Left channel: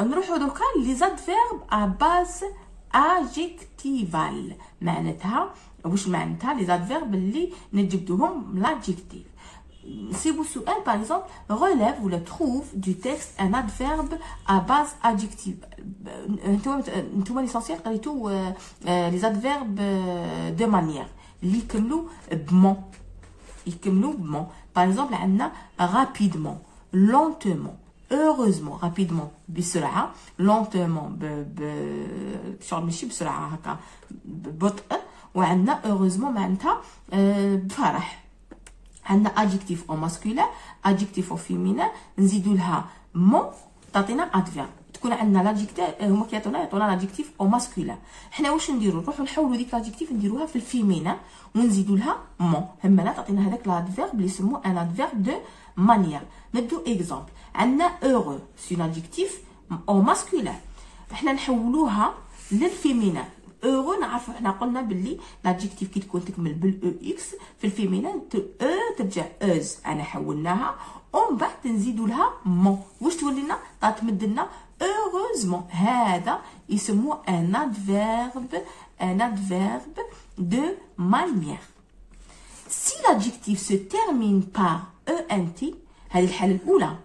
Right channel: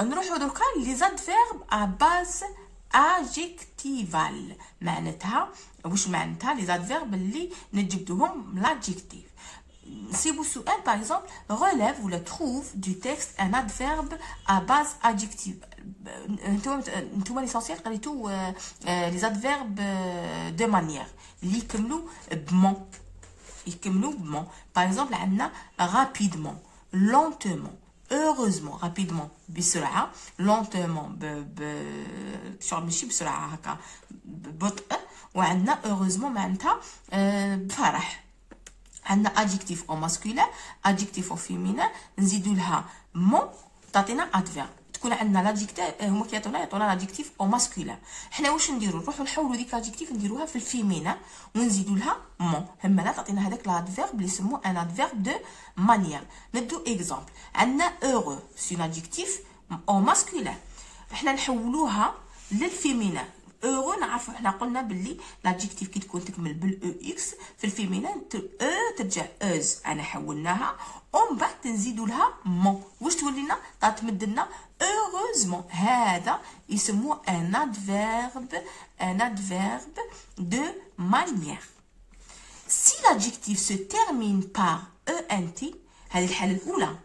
نروحو دركا لي زاد فيرب ا باز ادجيكتيفال. معناتها واش معناتها لي زاد فيرب اللي نجبدوهم لادجيكتيف. نصيبو سؤال باغ اكزومبل relève ولا trouve du texte un adverbe à base adjective. نتوما ليسونسيال قريتو لي زادفيرب دو مانيير اللي يكملوا بمون. باغ اكزومبل عندنا rapidement, lentement, heureusement. rapidement بسرعه، lentement شغل ماشي بسرعه هكا ببطء، وعندنا heureusement معناتها بفرح. عندنا adjectif au masculin adjectif au féminin نزيدوا لها مون تعطينا adverbe. تكون عندنا لادجيكتيف هما كيعطونا لادجيكتيف او ماسكولين. حنا واش نديرو؟ نروحو نحولو ديك لادجيكتيف نديروها في الفيمينا ونزيدو لها مون، همنا تعطينا هذاك لادفيرب اللي يسموه ان ادفيرب دو مانيير. نبدو اكزامبل. عندنا اورو سي لادجيكتيف او ماسكولين، حنا نحولوها للفيمينا. اورو نعرفو حنا قلنا باللي لادجيكتيف كي تكون تكمل بالاو اكس في الفيمينا ترجع اوز، انا حولناها ومن بعد نزيدو لها مون. واش تولينا؟ تمد لنا heureusement. هذا يسموه un adverbe de manière. Si l'adjectif se termine par ent، هذه الحالة الأولى.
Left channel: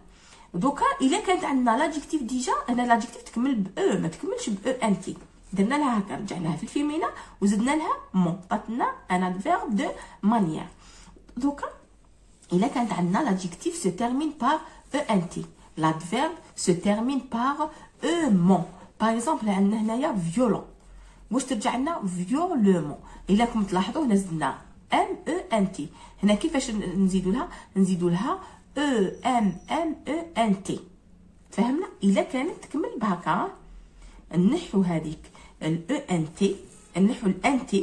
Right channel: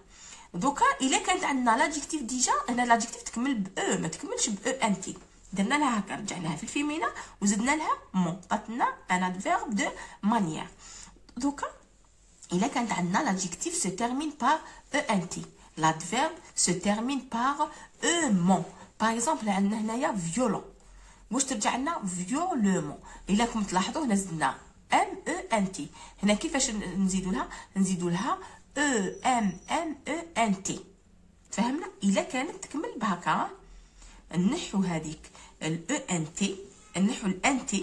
دوكا إلا كانت عندنا l'adjectif ديجا، أنا l'adjectif تكمل ب ما تكملش ب ent، درنا لها هكا رجعناها في الفيمينا وزدنا لها مون، عطاتنا un adverbe de manière. دوكا إلا كانت عندنا l'adjectif se termine par ent، l'adverbe se termine par ement. par exemple عندنا هنايا violent، واش ترجع لنا violemment. الا راكم تلاحظوا هنا زدنا ment. هنا كيفاش نزيدوا لها ement. فهمنا؟ الا كانت تكمل بهكا نحو هذيك ent، نحو الانت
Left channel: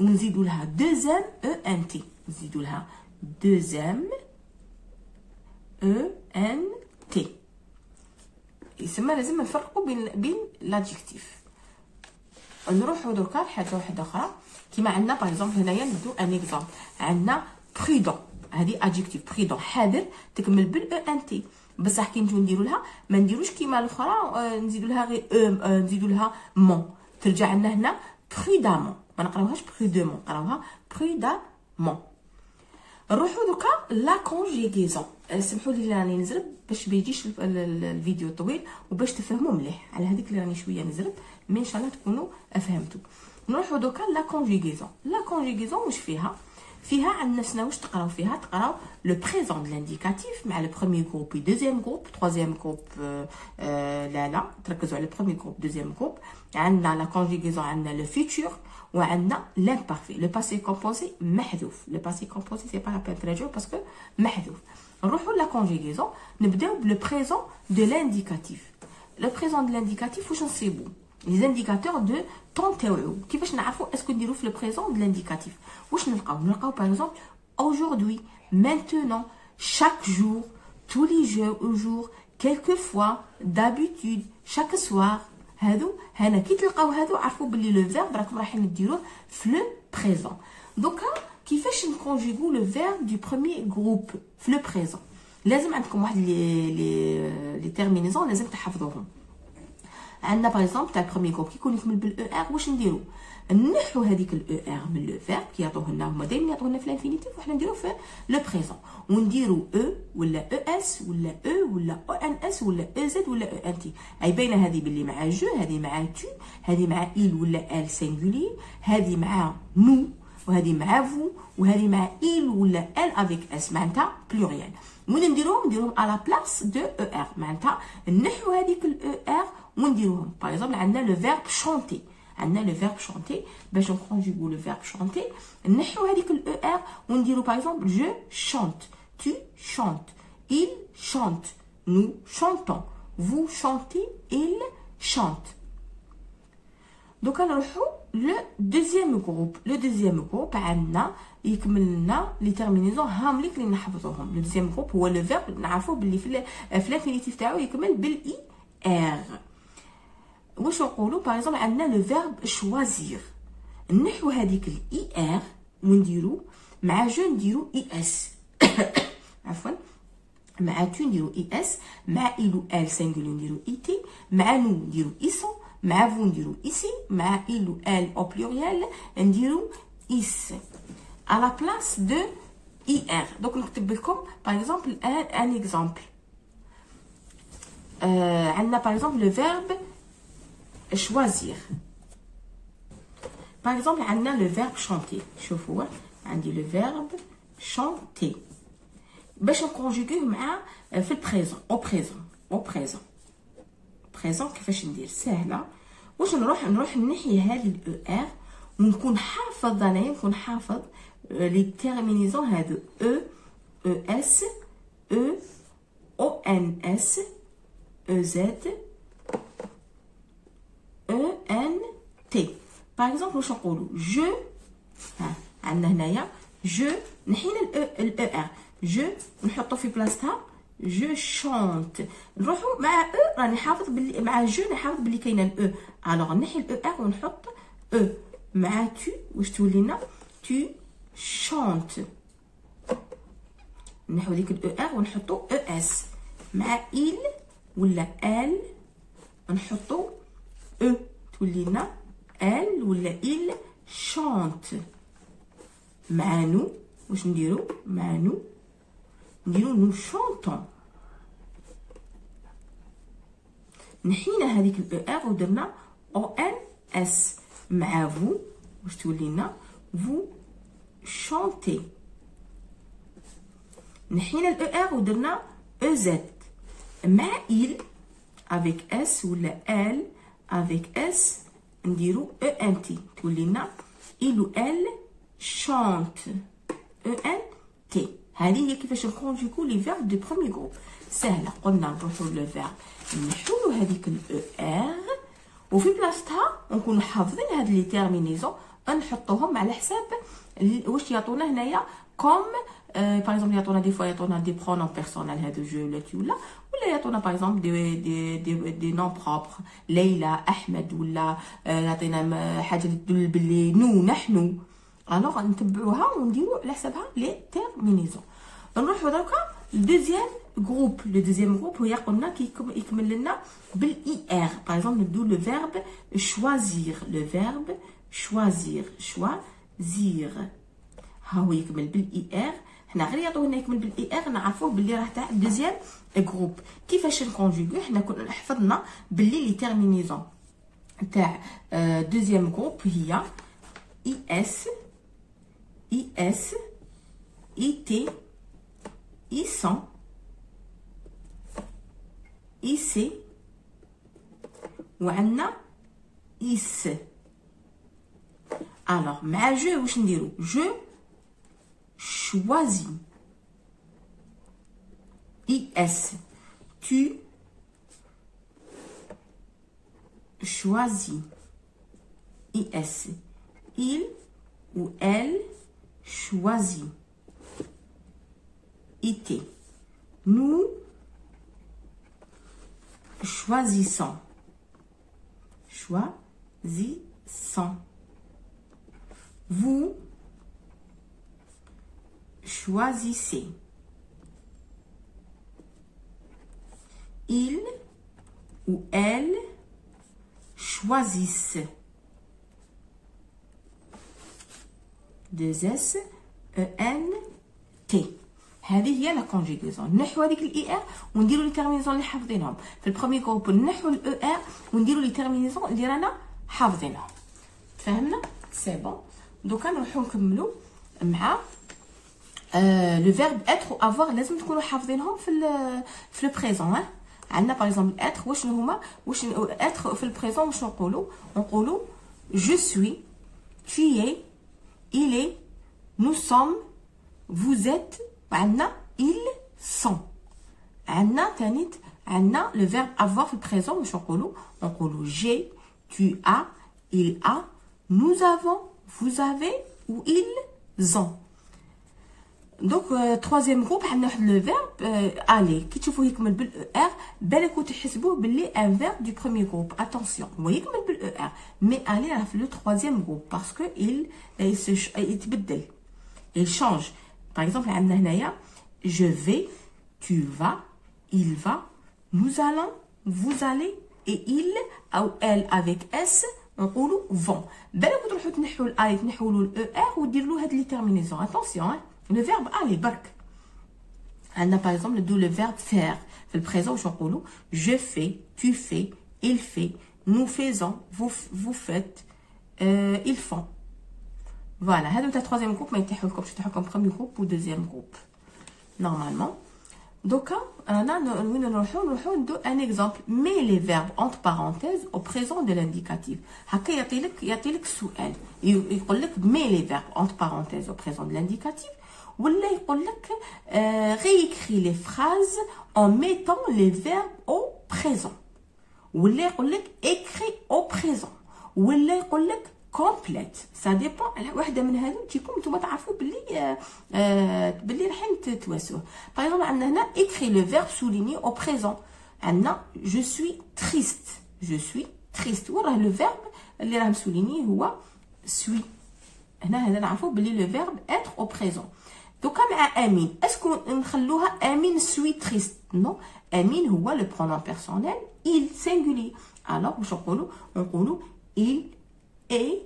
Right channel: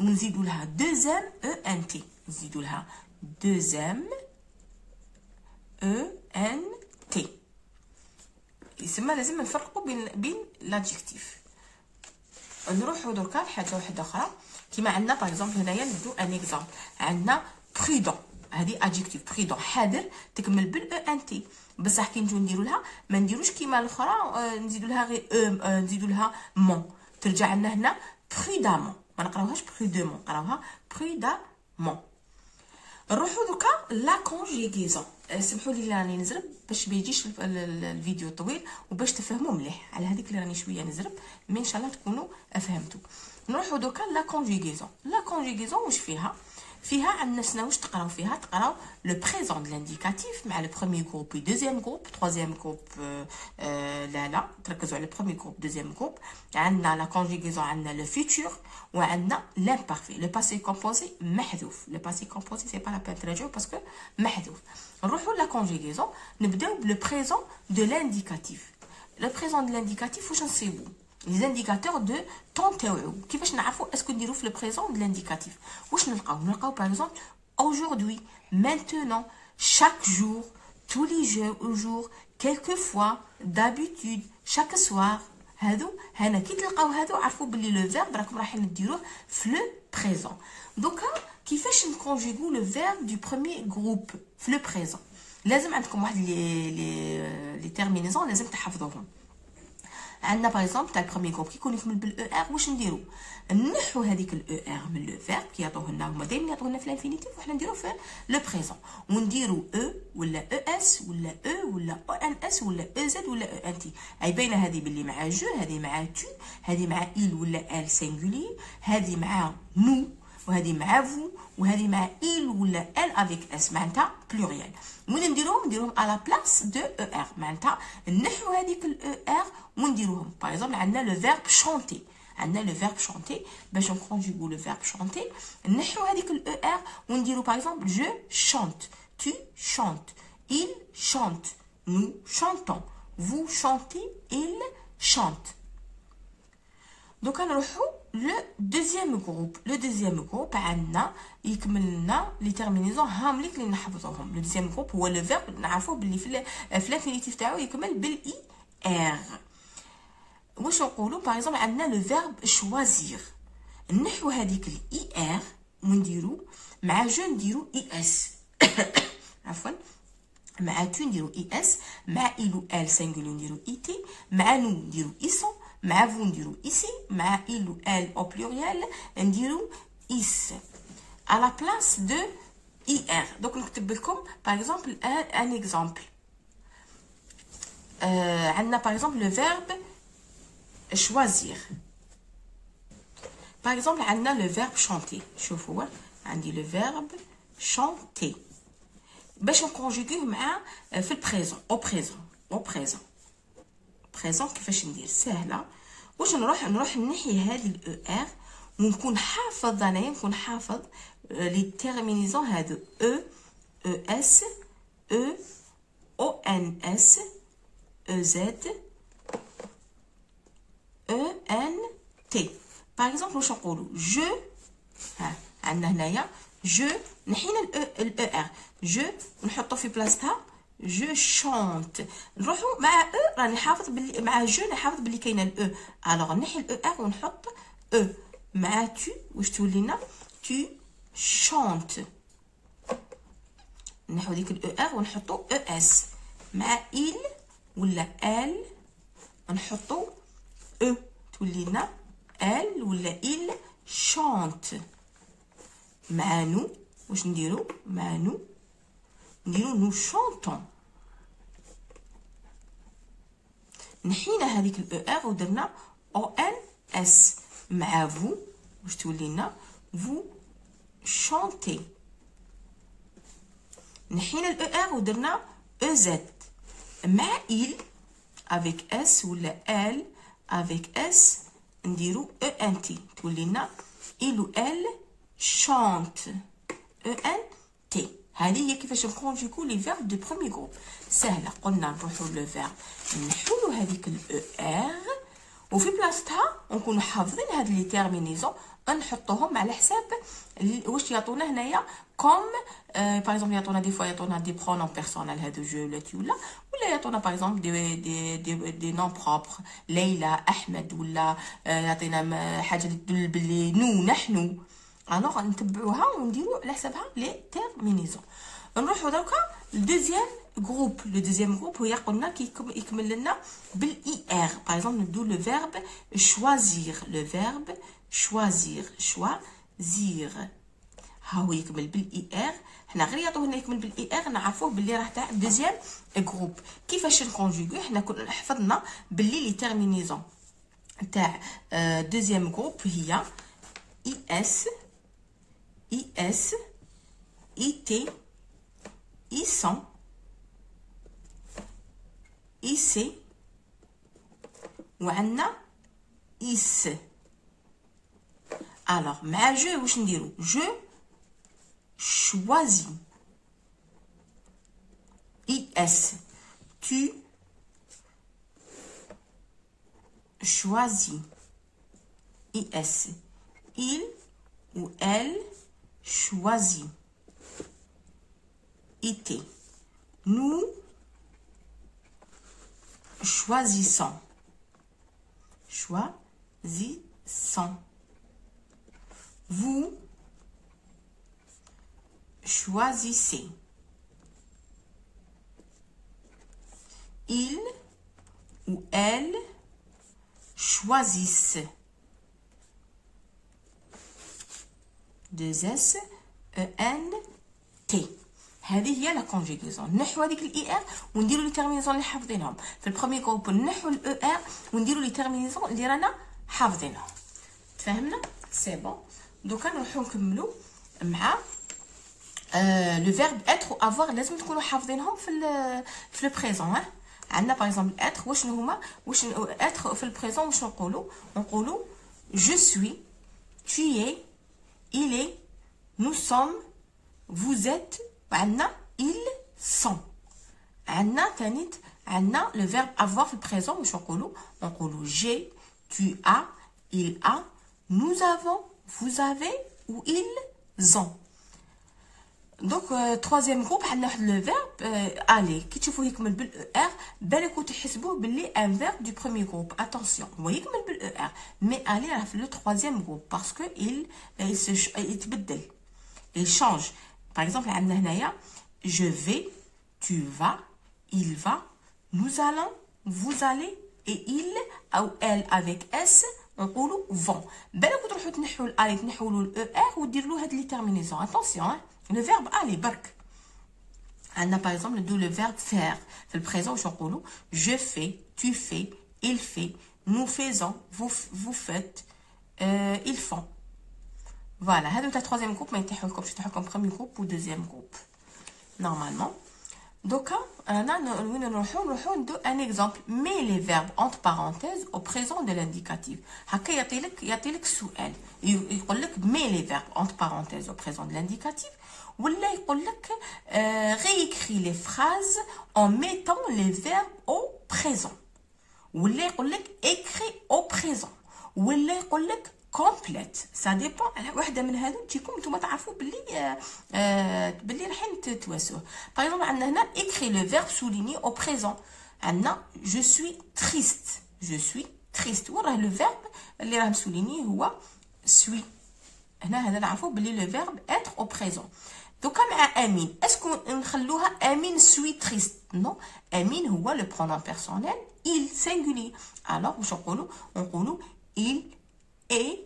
ونزيدوا لها دوزيام ent، نزيدوا لها دوزيام ent. يسمى لازم نفرقوا بين لادجيكتيف. نروحوا دركا لحاجه واحده اخرى كيما عندنا باغ اكزومبل. هنايا ندو ان اكزومبل. عندنا برودون، هذه ادجيكتيف برودون حذر تكمل بالاو ان تي، بصح كي نجيو نديرو لها ما نديروش كيما الاخرى نزيدو لها غير نزيدو لها مون، ترجع لنا هنا برودامون. ما نقراوهاش برودومون، نقراوها برودامون. نروحو دوكا لا كونجيغيزون. سمحوا لي راني نزرب باش ما يجيش الفيديو طويل وباش تفهموا مليح. على هذيك اللي راني شويه نزرب مي ان شاء الله تكونوا فهمتوا. نروحو دوكا لا كونجيغيزون. لا كونجيغيزون واش فيها؟ فيها عندنا شنو واش تقراو فيها؟ تقراو لو بريزون دو لانديكاتيف مع لو بروميير جروب و دوزيام جروب تروازيام جروب. لا تركزوا على البروميير جروب دوزيام جروب. عندنا لا كونجيغيزون عندنا لو فيتور وعندنا لامبارفي. لو باسي كومبوزي محذوف، لو باسي كومبوزي سي با لا بين تراجعو باسكو محذوف. نروحو لا كونجيغيزون نبداو بلو بريزون دو لانديكاتيف. لو بريزون دو لانديكاتيف واش نصيبو؟ لي انديكاتور دو طون تاوعو. كيفاش نعرفوا اسكو نديرو في لو بريزون دو لانديكاتيف؟ واش نلقاو باغ اكزومبل aujourd'hui, maintenant, chaque jour, tous les jours, quelquefois, d'habitude, chaque soir. هادو هنا كي تلقاو هادو عرفوا بلي لو فيرب راكم رايحين ديروه في لو بريزون. دوكا كيفاش نكونجيغو لو فيرب دو بروميير جروب في لو بريزون؟ لازم عندكم واحد لي تيرمينيزون لازم تحفظوهم. عندنا باغ اكزومبل تاع البروميير جروب كيكون يكمل بالاو ار، واش نديرو؟ نحو هذيك الاو ار من لو فيرب كيعطوه لنا هما دائما يعطوه لنا في الانفينيتيف وحنا نديرو في لو بريزون، ونديرو او ولا او اس ولا او ولا او ان اس ولا او زد ولا او ان تي. اي باينه هذه باللي مع جو، هذه مع تو، هذه مع il ولا ال سينغولي، هذه مع نو، وهذه مع فو، وهذه مع il ولا ال افيك اس معناتها بلوريال. وين نديروهم على بلاص دو او ار معناتها نحو هذيك الاو ار ونديروهم. باغ اكزومبل عندنا لو فيرب شونتي، عندنا لو فيرب شونتي باش نكونجيغو لو فيرب شونتي نحو هذيك الاو ار ونديرو باغ اكزومبل جو شونت، tu chantes, il chante, nous chantons, vous chantez, il chante. دوكا نروحو لو دوزيام جروب. لو دوزيام جروب عندنا يكمل لنا لي تيرمينيزون هامليك اللي نحفظوهم. لو دوزيام جروب هو لو فيرب نعرفوه باللي في الانفينيتيف تاعو يكمل بالاي ار. واش نقولوا باغ اكزومبل عندنا لو فيرب شوازير، نحو هذيك الاي ار ونديرو مع جو نديرو اي اس عفوا مع tu نديرو اس، مع il ou elle singulier نديرو it، مع nous نديرو ils، مع vous نديرو ici، مع il ou elle au pluriel نديرو is à la place de ir. donc نكتب لكم par exemple un exemple. عندنا par exemple le verbe choisir. par exemple عندنا le verbe chanter. شوفوا عندي le verbe chanter باش نكونجوغيه مع في البريزون او بريزون كيفاش ندير؟ سهله. واش نروح نحي هذه الاو ار ونكون حافظ انايا، نكون حافظ لي تيرمينيزون هادو او اس او ان اس او زد او ان تي. باغ اكزومبل واش نقولوا جو، ها عندنا هنايا جو نحينا الاو ار، جو نحطو في بلاصتها جو شونت. نروحو مع او راني نحافظ بلي مع جو نحافظ بلي كاينه الاو، الوغ نحي الاو ار ونحط او. مع تو واش تولينا؟ تو شونت. نحو ديك الاو ار ونحطو او اس. مع il ولا ال نحطو او، تولينا ال ولا il شونت. مع نو واش نديرو؟ مع نو نديرو نو شونطون. نحينا هذيك الاو ار ودرنا او ان اس. مع فو واش تولينا؟ فو شونتي. نحينا الاو ار ودرنا او زد. مع il افيك اس ولا ال افيك اس نديرو او ان تي، تولينا il ou elle chante. او ان تي. هذه هي كيفاش نكونجوغو لي فيرب دو بروميي جروب. سهله. قلنا نروحو لو فيرب نحيو هذيك الاو ار وفي بلاصتها نكونو حافظين هاد لي تيرمينيزون نحطوهم على حساب واش يعطونا هنايا كوم. باغ اكزومبل يعطونا دي فوا يعطونا دي برونون بيرسونيل هادو جو ولا تي ولا يعطونا باغ اكزومبل دي نون بروبر ليلى احمد، ولا يعطينا حاجه تدل باللي نحن. الوغ نتبعوها ونديرو على حسابها لي تيرمينيزون. نروحو دركا للدوزيام جروب. لو دوزيام جروب هي قلنا يكمل لنا بالاي ار. باغ اكزومبل ندو لو فيرب شوازير. لو فيرب شوازير، شوازير ها هو يكمل بالاي ار. حنا غير يعطونا يكمل بالاي ار نعرفوه باللي راه تاع دوزيام جروب. كيفاش نكونجوغي؟ حنا كنا حفظنا باللي لي تيرمينيزون تاع دوزيام جروب هي اي اس IS, IT, ISAN, IC وعندنا IS. alors مع جو واش نديرو؟ جو choisis. IS tu choisis. IS il ou elle choisit. IT nous choisissons. Choisissons. Vous choisissez. Il ou elle choisissent. deux S E N T. هذه هي لا كونجيغاسيون. نحو هذيك الاي ار ونديروا لي تيرمينيزون اللي حافظينهم. في البروميي جروب نحو الاو ار ونديروا لي تيرمينيزون اللي رانا حافظينهم. فهمنا؟ سي بون. دوكا نروحو نكملوا مع لو فيرب اتر و افوار. لازم تكونوا حافظينهم في لو بريزون. عندنا باغ اكزومبل اتر واشنو هما؟ واش اتر في البريزون واش نقولوا جو سوي، tu es، il est، nous sommes، vous êtes. وعندنا ils sont. عندنا تانيت عندنا لو فيرب افوار في البريزون واش نقولوا j'ai، tu as، il a، nous avons، vous avez ou ils ont. دونك troisième groupe عندنا واحد لو فيرب الي. كي تشوفوه يكمل بالاو ار بالكم تحسبوه باللي ان فيرب دو بروميي جروب. اتونسيون هو يكمل بالاو ار مي الي راه في لو troisième groupe باسكو يتبدل، il change. باغ اكزومبل عندنا هنايا je vais، tu vas, il va, nous allons, vous allez, et il ou elle avec s نقولوا vont. بالك تروحوا تنحوا الاي تنحوا له الاو ار وديروا له هاد لي تيرمينيزون. اتونسيون لو فيرب aller برك. عندنا باغ اكزومبل ندو لو فيرب faire في البريزون واش نقولوا je fais, tu fais, il fait, nous faisons, vous faites, ils font. Voilà, هادو تاع troisième groupe ما يتيحوا لكمش، يتيحوا لكم premier groupe ou deuxième groupe normalement. دوكا رانا وين نروحو ندو ان اكزامبل. مي لي فيرب اونت بارونتيز او بريزون دو لانديكاتيف. هكا يعطيلك سؤال يقول لك مي لي فيرب اونت بارونتيز او بريزون دو لانديكاتيف، ولا يقول لك réécris les phrases en mettant les verbes au présent، ولا يقول لك écris au présent، ولا يقول لك كومبليت. سا ديبون على وحده من هادو تجيكم نتوما تعرفوا باللي رايحين تتواسوه. باغ اكزومبل عندنا هنا écris le verbe souligné au présent. عندنا je suis triste وراه لو فيرب اللي راه مسوليني هو suis. هنا هذا نعرفوا باللي لو فيرب être au présent. دوكا مع امين اسكو نخلوها امين suis triste؟ نو، امين هو لو برونون بيرسونيل il singulier. alors واش نقولوا il est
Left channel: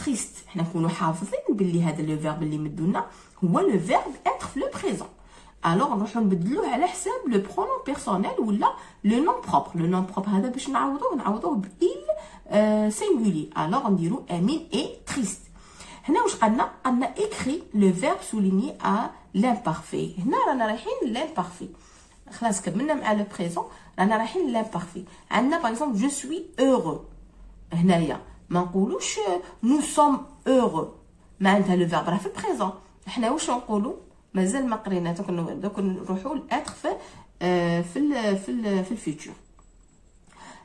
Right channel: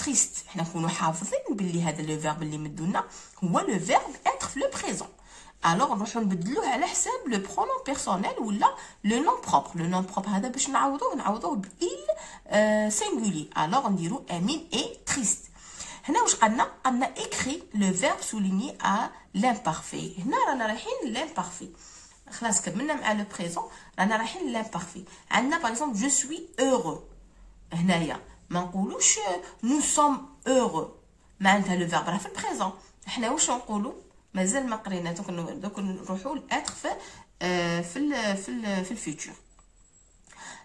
triste. حنا نكونوا حافظين باللي هذا لو فيرب اللي مدونا هو لو فيرب être في لو بريزون. الوغ نروحو نبدلوه على حساب لو برونون بيرسونيل ولا لو نون بروبر. لو نون بروبر هذا باش نعوضوه ب il singulier. الوغ نديرو امين est triste. هنا واش قالنا écrit le verbe souligné à l'imparfait. هنا رانا رايحين l'imparfait. خلاص كملنا مع لو بريزون رانا رايحين l'imparfait. عندنا باغ اكزومبل je suis heureux. هنايا ما نقولوش nous sommes heureux، معناتها لو فيرب راه في البريزون. حنا واش نقولوا مازال ما قرينا، دوك نروحوا لاتر في الفيتور.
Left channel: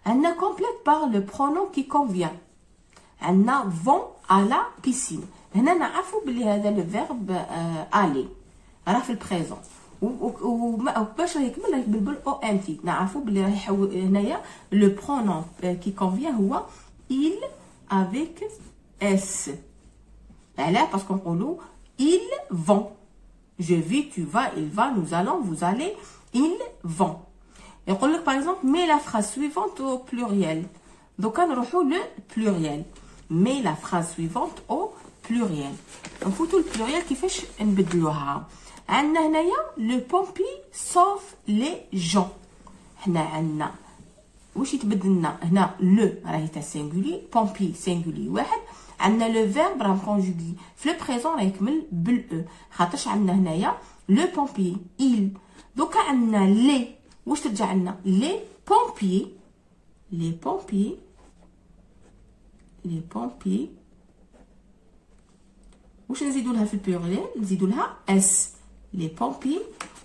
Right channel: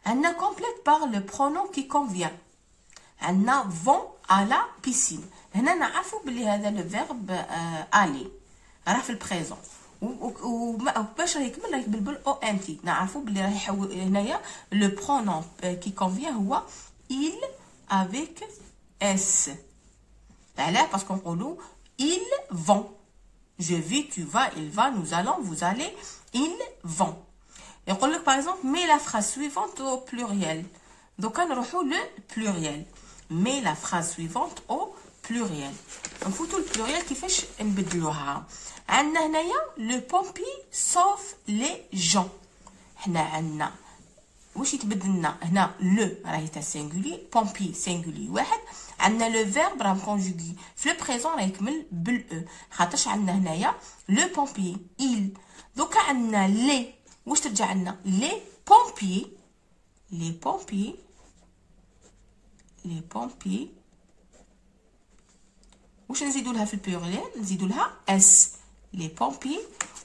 عندنا كومبليت بار لو برونون كي كونفيان. عندنا vont à la piscine. هنا نعرفوا بلي هذا لو فيرب aller راه في البريزون، وباش يكمل بالبل او ان تي نعرفوا بلي راه يحول هنايا لو برونون كي كونفيان هو il avec s. علاه باسكو نقولوا ils vont. je vais, tu vas, il va, nous allons, vous allez, ils vont. يقول لك باغ اكزومبل مي لا phrase suivante au pluriel. دوكا نروحوا لو pluriel. مي لا phrase suivante au pluriel. نفوتوا البلوريال كيفاش نبدلوها. عندنا هنايا لو بومبي سوف لي جون. حنا عندنا واش يتبدل لنا هنا لو راهي تاع سينغولي، بومبي سينغولي واحد. عندنا لو فيرب راه كونجوغي في لو بريزون راه يكمل بالاو، خاطرش عندنا هنايا لو بومبي il. دوكا عندنا لي واش ترجع لنا لي بومبي، لي بومبي، لي بومبي واش نزيدو لها في البلوريال؟ نزيدو لها اس لي بومبي،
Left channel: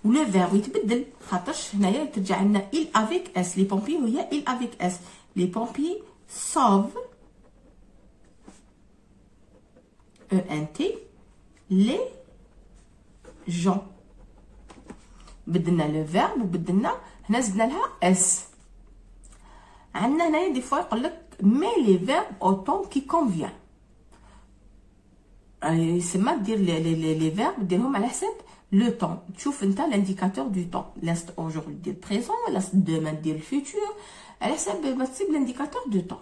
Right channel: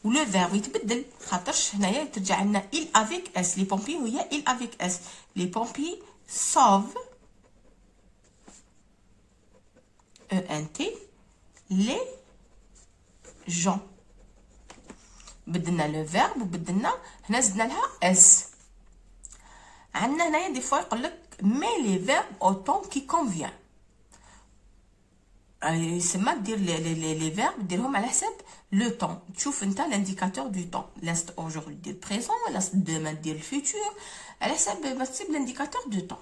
ولو فيرب يتبدل خاطرش هنايا ترجع لنا il avec s. لي بومبي وهي il avec s. لي بومبي sauve ENT les gens. بدلنا لو فيرب وبدلنا هنا زدنا لها اس. عندنا هنايا دي فوا يقول لك مي لي فيرب او طون كي كونفيان. يسمى دير لي فيرب ديرهم على حساب لو طون. تشوف انت لانديكاتور دو طون، لاست اورجوردي دير بريزون، لاست دومان دير الفيتور، على حساب ما تسيب لانديكاتور دو طون.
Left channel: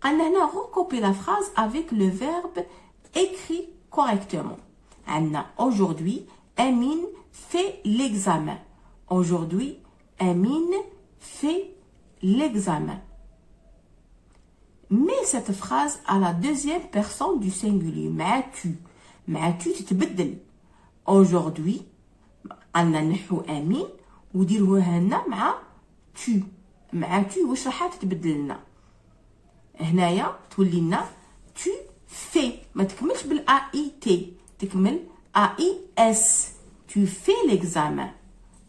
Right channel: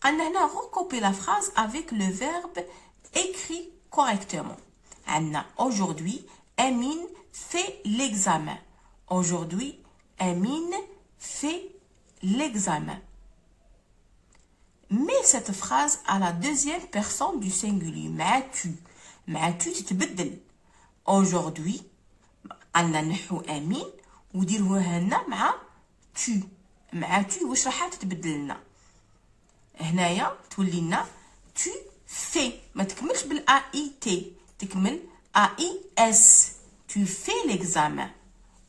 قالنا هنا recopie la phrase avec le verbe écrit correctement. عندنا aujourd'hui Amine fait l'examen. Aujourd'hui Amine fait l'examen. Mais cette phrase à la deuxième personne du singulier مع tu. مع tu تتبدل. Aujourd'hui عندنا نحو امين وديروها هنا مع tu. مع tu واش راح تتبدل لنا هنايا؟ تولي لنا tu fais، ما تكملش بالا اي تي، تكمل ا اي اس. tu fais l'examen.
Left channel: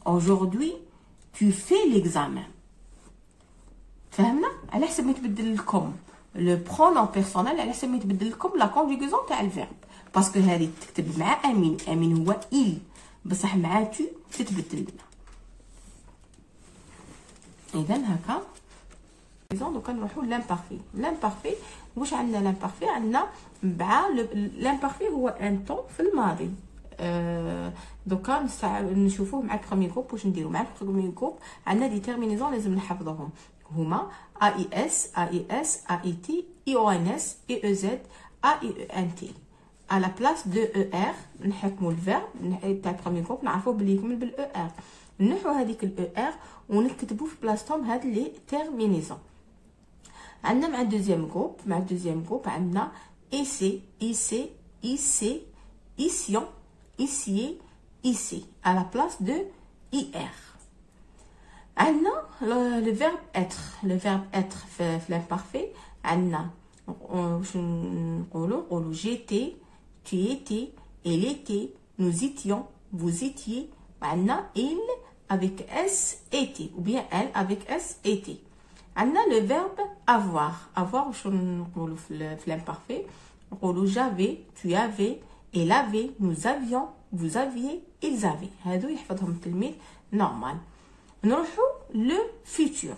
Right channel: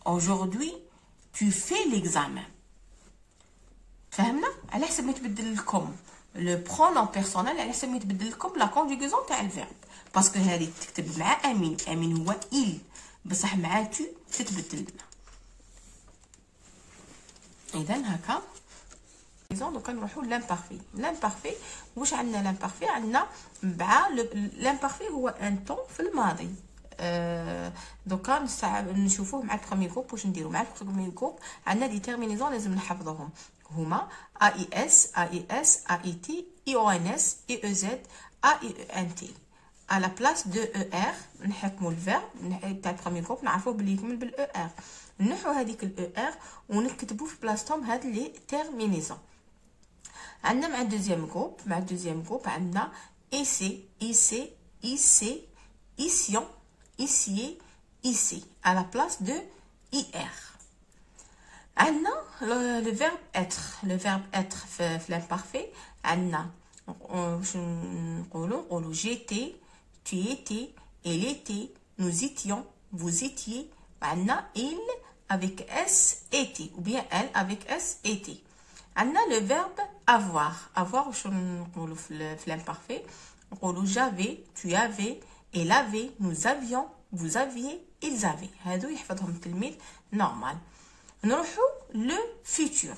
aujourd'hui tu fais l'examen. فهمنا؟ على حسب ما يتبدل لكم لو برونون بيرسونيل، على حسب ما يتبدل لكم لا كونجوغيزون تاع الفيرب. باسكو هذه تكتب مع امين، امين هو il، بصح مع تو تتبدل لنا. اذا هكا دوكا نروحو لامبارفي. لامبارفي واش عندنا؟ لامبارفي عندنا مع لامبارفي هو ان طون في الماضي دوكا نشوفوه مع البروميي جروب. واش نديرو مع البروميي جروب؟ عندنا دي تيرمينيزون لازم نحفظوهم، هما AIS AIS AIT IONS IEZ AIENT. à la place de ER نحكموا الفيرب تاع البروميي جروب نعرفوه بلي يكمل بال ER، نحو هذيك ال ER ونكتبوا في بلاصتهم هاد لي تيرمينيزون. عندنا مع الدوزيام جروب عندنا IC IC IC ISION ICIE IC à la place de IR. عندنا le verbe être في l'imparfait. عندنا نقولوا j'étais tu étais il était nous étions vous étiez. عندنا il avec S était ou bien elle avec S était. عندنا le verbe avoir واش نقولوا في l'imparfait؟ نقولوا j'avais tu avais elle avait nous avions vous aviez ils avaient. هادو يحفظهم التلميذ نورمال. نروحوا لو فيتور.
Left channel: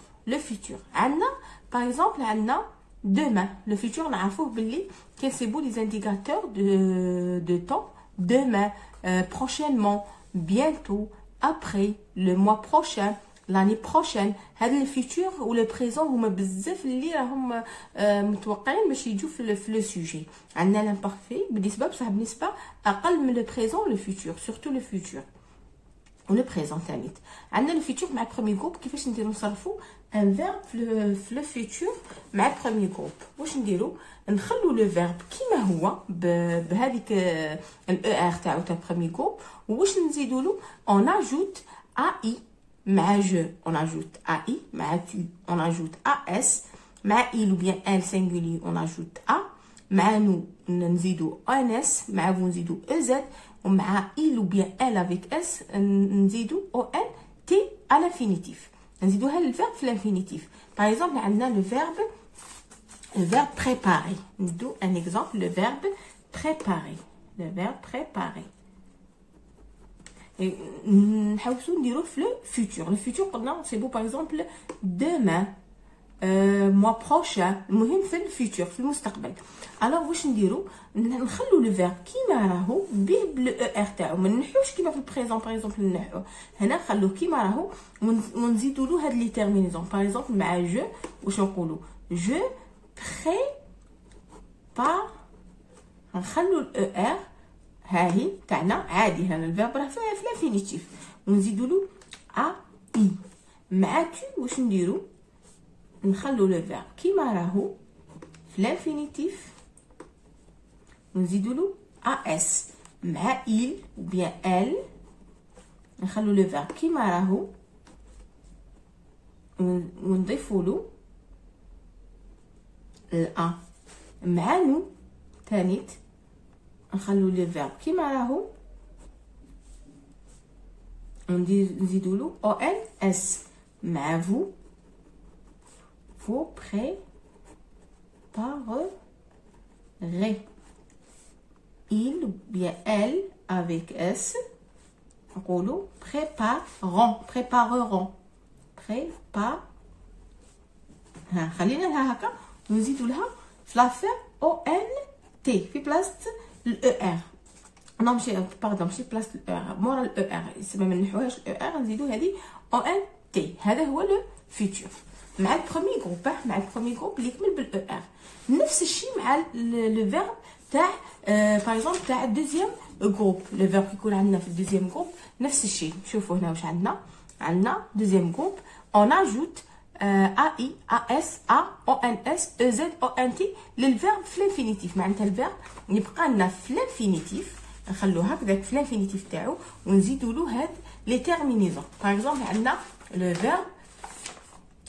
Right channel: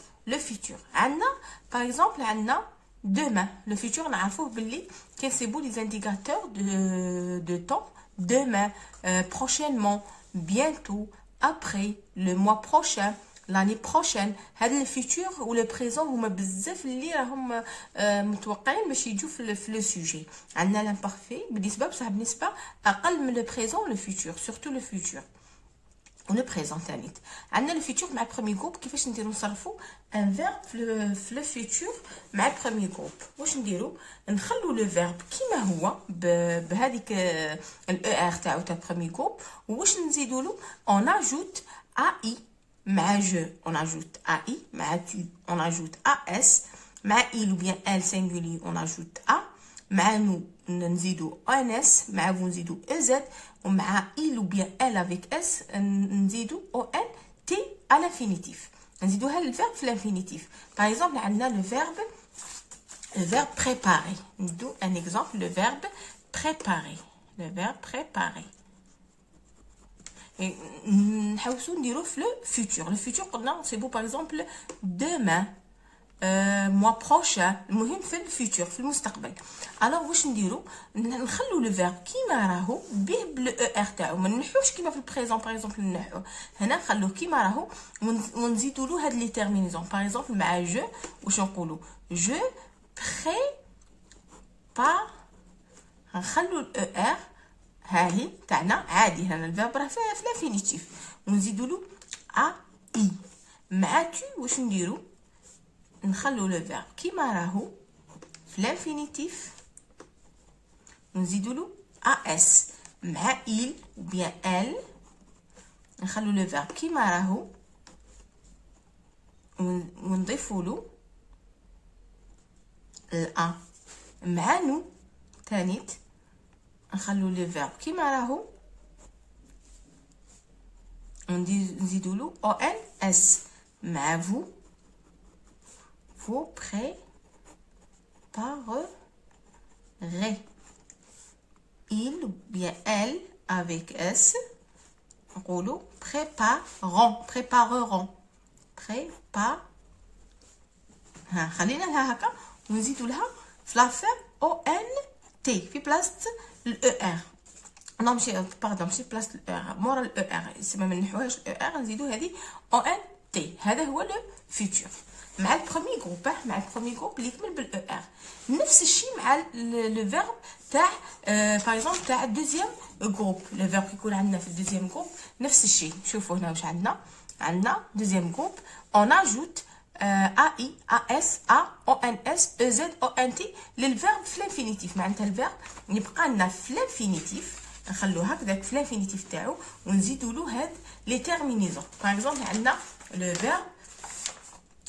عندنا باغ اكزومبل عندنا demain. Le futur نعرفوه باللي كنسيبو لي زانديكاتور de temps. demain, prochainement, bientôt, après, le mois prochain, l'année prochaine. هاد الفيتور و لو بريزون هما بزاف اللي راهم متوقعين باش يجوا في لو سوجي. عندنا لامبارفي بنسبه اقل من لو بريزون لو فيتور، سورتو لو فيتور ولو بريزون ثاني. عندنا لو فيتور مع البروميي جروب. كيفاش نديرو نصرفو ان فيرب في لو فيتور مع البروميي جروب؟ واش نديرو؟ نخلو لو فيرب كيما هو بهذيك الاو ار تاع البروميي جروب. واش نزيدو له؟ اون اجوت اي مع جو، اون اجوت اي مع tu، اون اجوت اس مع il ou bien elle singulier، اون اجوت ا مع نو نزيدو ان اس مع vous نزيدو ez، ومع il ou bien elle avec s نزيدو او ان تي à l'infinitif. نزيدوها للفيرب في الانفينيتيف. باغ اكزومبل عندنا لو فيرب préparer. ندو ان اكزومبل لو فيرب préparer. نحاولوا نديرو في لو فيتور. لو فيتور قلنا سي بو باغ اكزومبل demain، mois prochain. المهم في الفيتور في المستقبل. الوغ واش نديرو؟ نخلو لو فيرب كيما راهو به بلو او ار تاعو، ما نحوش كيما في البريزون. باغ اكزومبل نحو هنا نخلوه كيما راهو ونزيدو له هاد لي تيرمينيزون. باغ اكزومبل مع جو واش نقولوا؟ جو بريبار. نخلو الاو ار هاهي تاعنا عادي، هنا الفيرب راه في الانفينيتيف ونزيدو له ا اي. مع تو واش نديرو؟ نخلو لو فيرب كيما راهو في الانفينيتيف نزيدو له اس. مع il ou bien elle نخلو لو فيرب كيما راهو ونضيفو له الأ. مع نو تانيت نخلو لو فيرب كيما راهو نزيدو له او ان اس. مع vous vous préparerez. il ou bien elle avec s نقولوا prépareront. خلينا لها هكا ونزيدو لها في لافير او ان تي في بلاصه الاو ار. نو ماشي باردون، ماشي بلاصه الاو ار، مورا الاو ار. سما ما نحوهاش الاو ار، نزيدو هذه او ان تي. هذا هو لو فيتور مع البروميي جروب. مع البروميي جروب اللي يكمل بالاو ار. نفس الشيء مع لو فيرب تاع باغ اكزومبل تاع الدوزيام جروب. لو فيرب كيكون عندنا في الدوزيام جروب نفس الشيء. شوفوا هنا واش عندنا دوزيام جروب اون اجوت اي اس ا او ان اس او زد او ان تي للفيرب في الانفينيتيف. معناتها الفيرب يبقى لنا في الانفينيتيف، نخلوه هكذاك في الانفينيتيف تاعو ونزيدو له هاد لي تيرمينيزون. باغ اكزومبل عندنا لو فيرب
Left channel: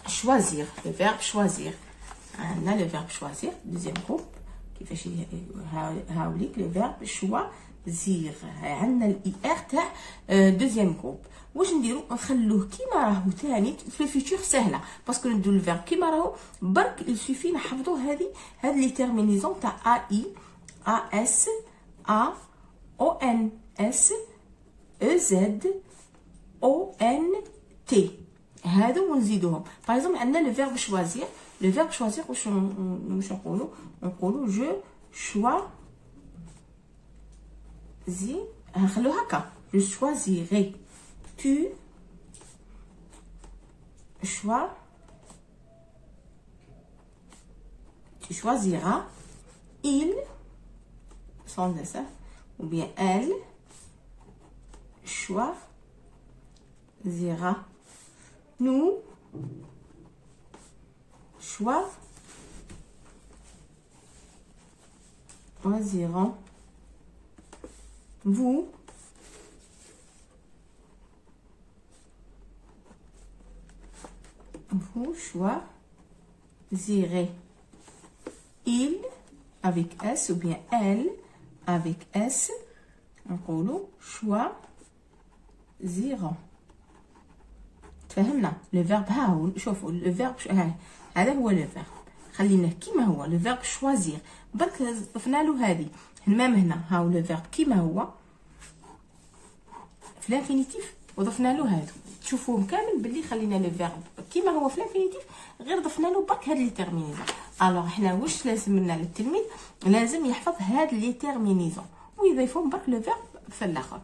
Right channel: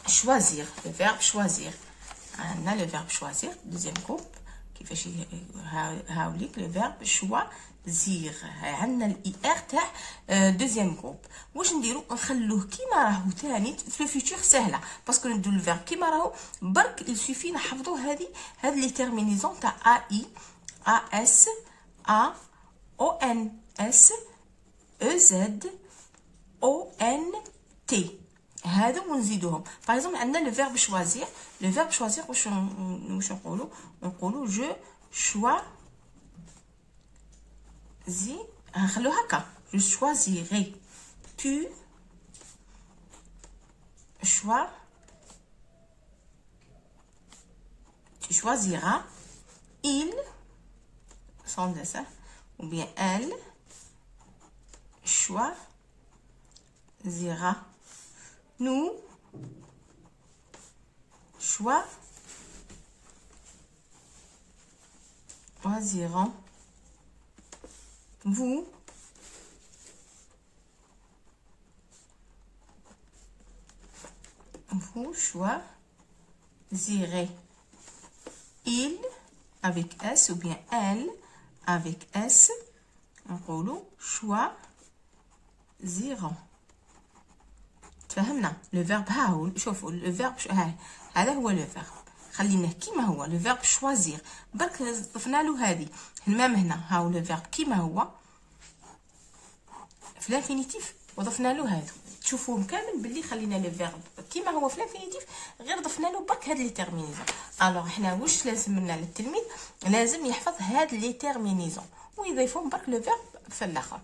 choisir. le verbe choisir. عندنا le verbe choisir deuxième groupe. كيفاش هاوليك le verbe choisir. عندنا الاي ار تاع deuxième groupe. واش نديرو؟ نخلوه كيما راهو ثاني في الفيتور. سهله باسكو نديرو الفيرب كيما راهو برك يسوفي نحفظوا هاد لي تيرمينيزون تاع ا اي ا اس ا او ان اس او زد او ان تي. هادو ونزيدوهم. باغ اكزومبل عندنا لو فيرب شوازير. لو فيرب شوازير واش نقولوا جو شوازي نخلو هكا je choisirai tu choisiras il sans s ou bien elle choisira nous choisirons vous choisirez il avec S ou bien elle avec S نقولوا choisiront. تفهمنا لو فيرب ها هو شوفوا لو فيرب هذا هو لو فيرب خليناه كيما هو لو فيرب شوازير درك ضفنا له هذه المام هنا ها هو لو فيرب كيما هو في الانفينيتيف وضفنا له هذا تشوفوهم كامل باللي خلينا لو فيرب كيما هو في الانفينيتيف غير ضفنا له برك هاد لي تيرمينيزون. الوغ حنا واش لازم لنا للتلميذ لازم يحفظ هاد لي تيرمينيزون ويضيفهم برك لو فيرب في الاخر.